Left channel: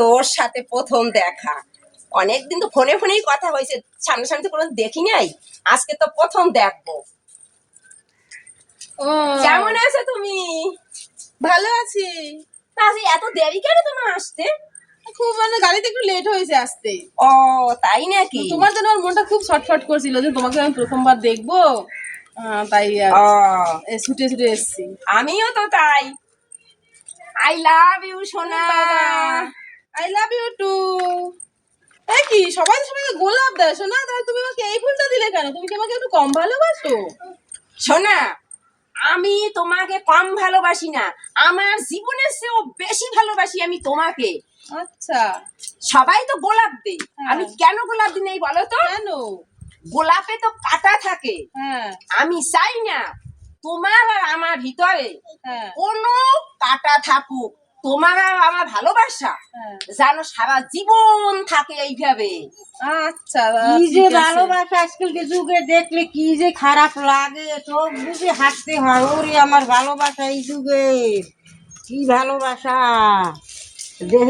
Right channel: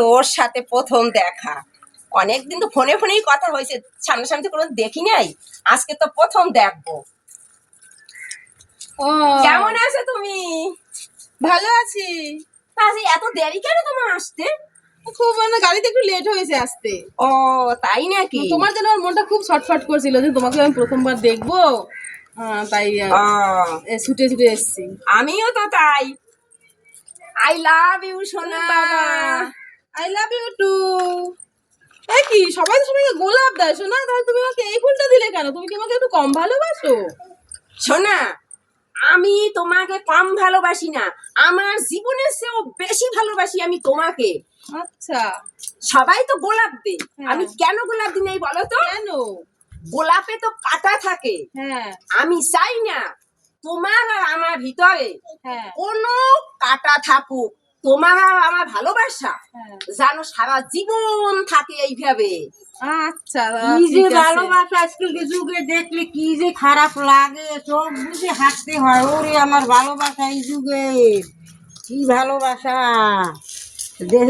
তোর সাথে প্রথম দেখা। অনেকদিন তো ফোনে ফোনেই কথা হয়েছে, সামনাসামনি তো কোনো দেখি নাই, আজকে তো প্রথম দেখবো। ও কেমন আছো তুমি? ভালো আছি। তা আজ এত দেরি কেন তোমার আসতে? খুব গাড়িতে একটু লেট হয়েছে আসতে। ও তাই নাকি? তোমার জন্য আমার মনটা খুব ছটফট করছিল যে তোমাকে আমি প্রথমবার দেখবো, তাই ও ছুটে ছুটে এসেছি। আমিও তো তাই। আই লাভ ইউ সোনা। I love you too. কি সবাই সবাইকে গোলাপ দেয় শোনা, তাই তুমি আমাকে এই ফুলটা দিলে কেন? তুমি কি আমাকে একটু কম ভালোবাসো? সোনা, আমি তোমাকে কম ভালোবাসি না, আমার জীবনের চেয়েও বেশি ভালোবাসি আমি তোমাকে। আচ্ছা, সবাই তো গোলাপ দে, হ্যাঁ। আমি কেন গোলাপ দিই নাই বলো তো? কেন? গোলাপে তো কাঁটা থাকে। হ্যাঁ আমি চাই না তোমার আর আমার ভিতরে হ্যাঁ কোনো কাঁটা থাকুক। তোমার আর আমার ভালোবাসা হ্যাঁ। যেন সারা জীবন থাকে এইভাবে। আচ্ছা, কি যে ঠিক আছে। ভালোবাসা আজকালকে যুগে দেখলে কি যে খারাপ লাগে, চোখ বুঝে হাঁটতে হয়। ওরে আমার ভালোবাসা এই যুগে, কি ভালোবাসা দেখি।